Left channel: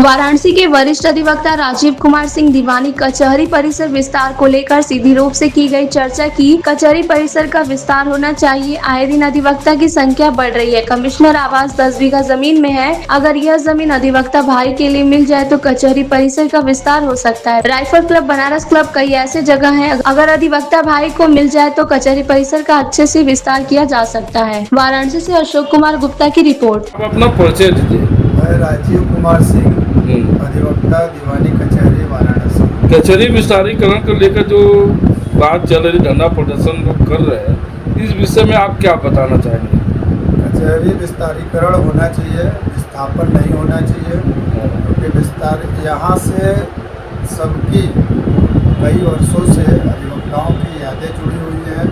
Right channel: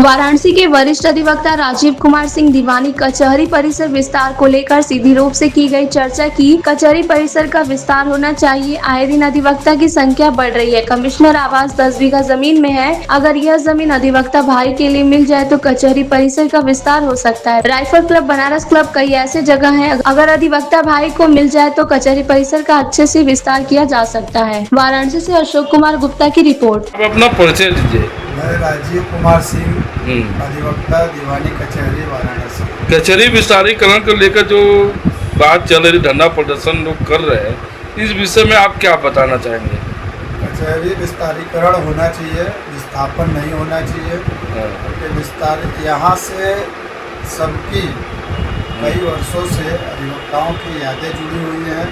वाराणसी के वरिष्ठ अधिवक्ता राजीव कुमार सिंह दीवानी कचहरी परिसर विस्तार को लेकर सीधी रूप से की गई चर्चा की कचहरी परिसर का विस्तार होना चाहिए। आए दिन अधिवक्ता की संख्या बढ़ रही है। कमिश्नर आवास 10 बीघा जमीन में है। अगर यह जमीन अधिवक्ता भाई के लिए मिल जाए तो कचहरी परिसर का विस्तार हो सकता है। राइफल क्लब, बनारस क्लब, कई ऐसे जगह है। अगर अधिवक्ता भाई को मिल जाए तो कचहरी परिसर का अच्छे से विस्तार किया जा सकता है। वाराणसी से अशोक कुमार गुप्ता की रिपोर्ट। आप अपना परिचय दीजिए। मैं राजीव कुमार सिंह, अधिवक्ता, दीवानी कचहरी, वाराणसी। कचहरी विस्तारीकरण को लेकर जो बात चल रही, धरना प्रदर्शन लोग कर रहे हैं, इस विषय में आप क्या बताना चाहेंगे? कचहरी विस्तारीकरण होना चाहिए, विस्थापन नहीं होना चाहिए। क्योंकि विस्तार यहाँ से सबकी कई वर्षों से अधिवक्ताओं की यादें जुड़ी हुई हैं।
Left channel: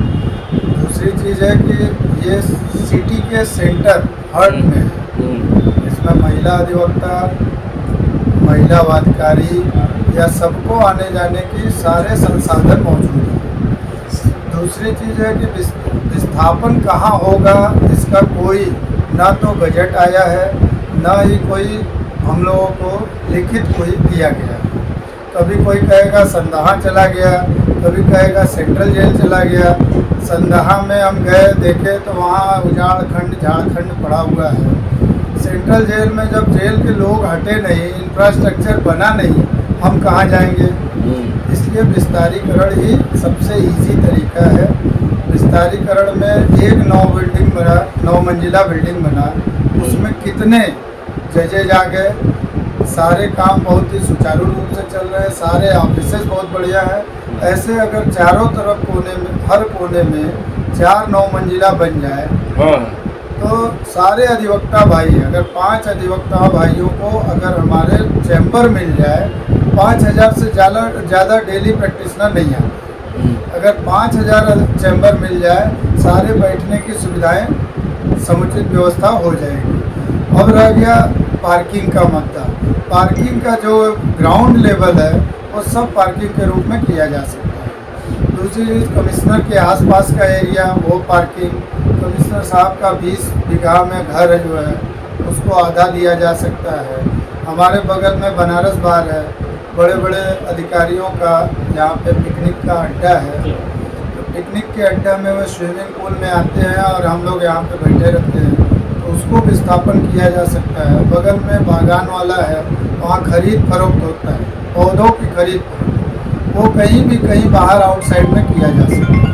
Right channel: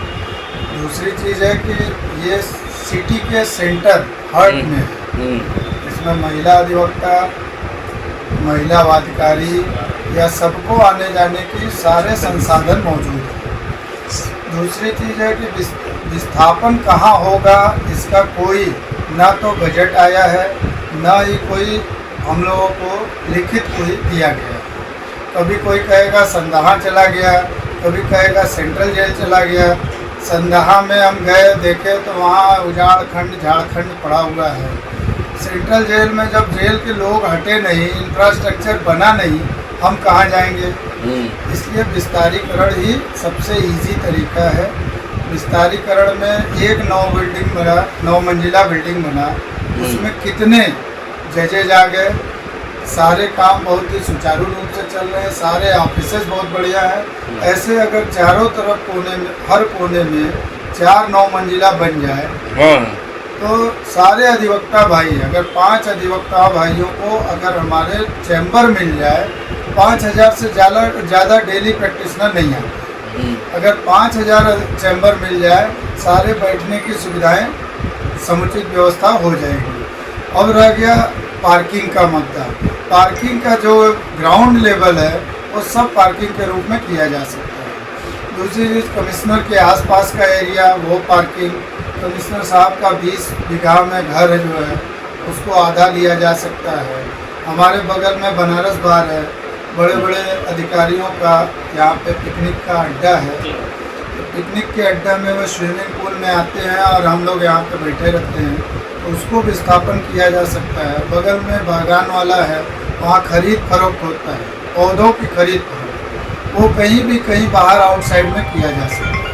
दूसरी चीज़ है कि ये सिटी के सेंटर हार्ट में है। इसमें महिला अधिवक्ता, महिला वादकारी या सबको आने जाने की सारे संसाधन मौजूद हैं। दूसरी चीज़ है कि विस्थापन कहाँ होगा इसका कोई ना तो बजट आया है, ना ही कोई हम लोगों को लिखित कोई दिया गया है। कभी कोई कहेगा संदहा चला गया, कभी कहेगा सेंट्रल जेल चला गया। संदहा में हम गए, देखे तो वहाँ उजाड़ खंड झाड़खंड पड़ा हुआ है। सेंट्रल जेल में जब जेल के लोग हटे नहीं, इंफ्रास्ट्रक्चर बना नहीं, हम कहाँ जाएंगे? इसलिए विस्तारीकरण ही सबसे इजी तरीका है। विस्तारीकरण में एक 9 मंजिला बिल्डिंग बना, उसमें कितने जजेज आ गए। सारे काम बहुत ही सुचारू रूप से चल रहे हैं, सारे ऑफिसेज बहुत बढ़िया है। ऐसे अगर चारों तरफ कोने में, हर कोने में 4-9 मंजिला बन जाए तो सारे अधिवक्ता भाई, अगर 5 अधिवक्ता भाइयों को अगर हमारे चैम्बर मिल जाए, 5000 से ज़्यादा डेली प्रैक्टिशनर नहीं आते। अगर 5000 चैम्बर मिल जाए, सारे बैठने की सुविधाएं समुचित व्यवस्था हो जाएगी। अब रह गया पार्किंग का मुद्दा। पार्किंग का जो ग्राउंड लेवल है वो सब पार्किंग के रूप में किया जा सकता है। दूसरी चीज़, कमिश्नर के आसपास का एरिया वो पार्किंग, कमिश्नर साहब का 20 बीघा में घर जो है उसको आधा लिया जा सकता है। हमारे बगल में बनारस बार है, बड़े बड़े अधिकारियों का यहाँ पे पिकनिक का अड्डा है। पिकनिक के अड्डा में वो स्विमिंग पूल में आते हैं और हम लोग यहाँ पे बैठे रहते हैं, तो उसको विस्थापन किया जा सकता है। बगल में बागान वाला है, वहाँ खरीद फरोख्त होता है, पौधों की खरीद, वो कहीं बाहर आउटसाइड में किया जा सकता है।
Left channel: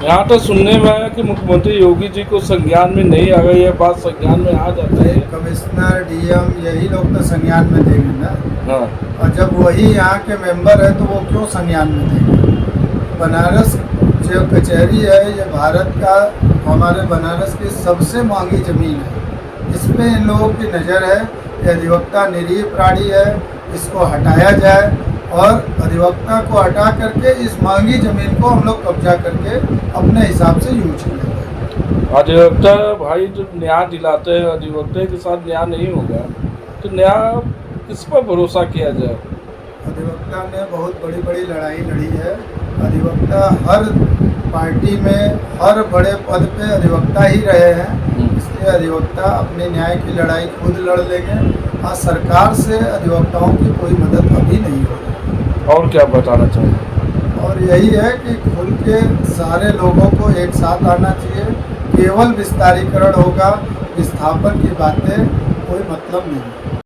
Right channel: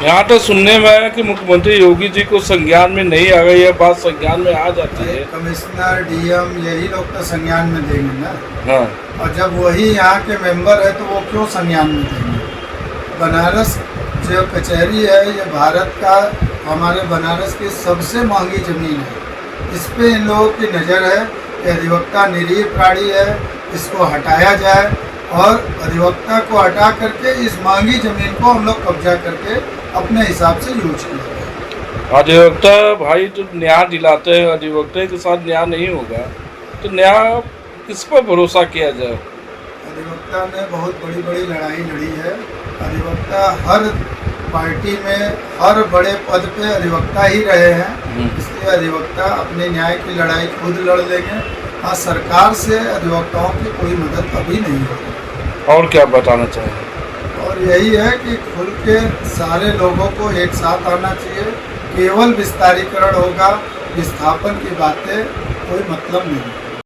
यहाँ तो सुनने में आया कि मुख्यमंत्री योगी जी को संज्ञान में नहीं आ गई है, बात संज्ञान में आ जाती है। कमिश्नर, डीएम यही लोग तो संज्ञान में देंगे ना। हाँ। और जब वही यहाँ के मेंबर है तो वो क्यों संज्ञान में देंगे? बनारस जो कचहरी है ये भारत का, हमारे बनारस की सबसे महंगी ज़मीन है। इस पे इन लोगों की नज़र है कि अधिवक्ता निरीह प्राणी है, इसको हटाया जाए और अधिवक्ता को हटा करके इस महंगी ज़मीन को हम लोग कब्जा करके अपने हिसाब से यूज करें। अधिवक्ता भाई जो न्याय दिलाते हैं, अधिवक्ता के साथ न्याय नहीं होगा तो न्याय किस पर भरोसा किया जाए? अधिवक्ता ने बहुत बड़ी बड़ी लड़ाई लड़ी है। अधिवक्ता हर पार्टी में हर बड़े पद पे अधिवक्ता ही रहे हैं, इसलिए अधिवक्ता अपने न्याय की लड़ाई खुद लड़ लेंगे। और सरकार से अधिवक्ताओं की कोई मदद अभी नहीं होगी। और क्या बताना चाहिए? और यही है कि खुल के सारे लोगों को एक साथ आना चाहिए। केवल विस्तारीकरण होगा, विस्थापन की बातें कोई मतलब नहीं।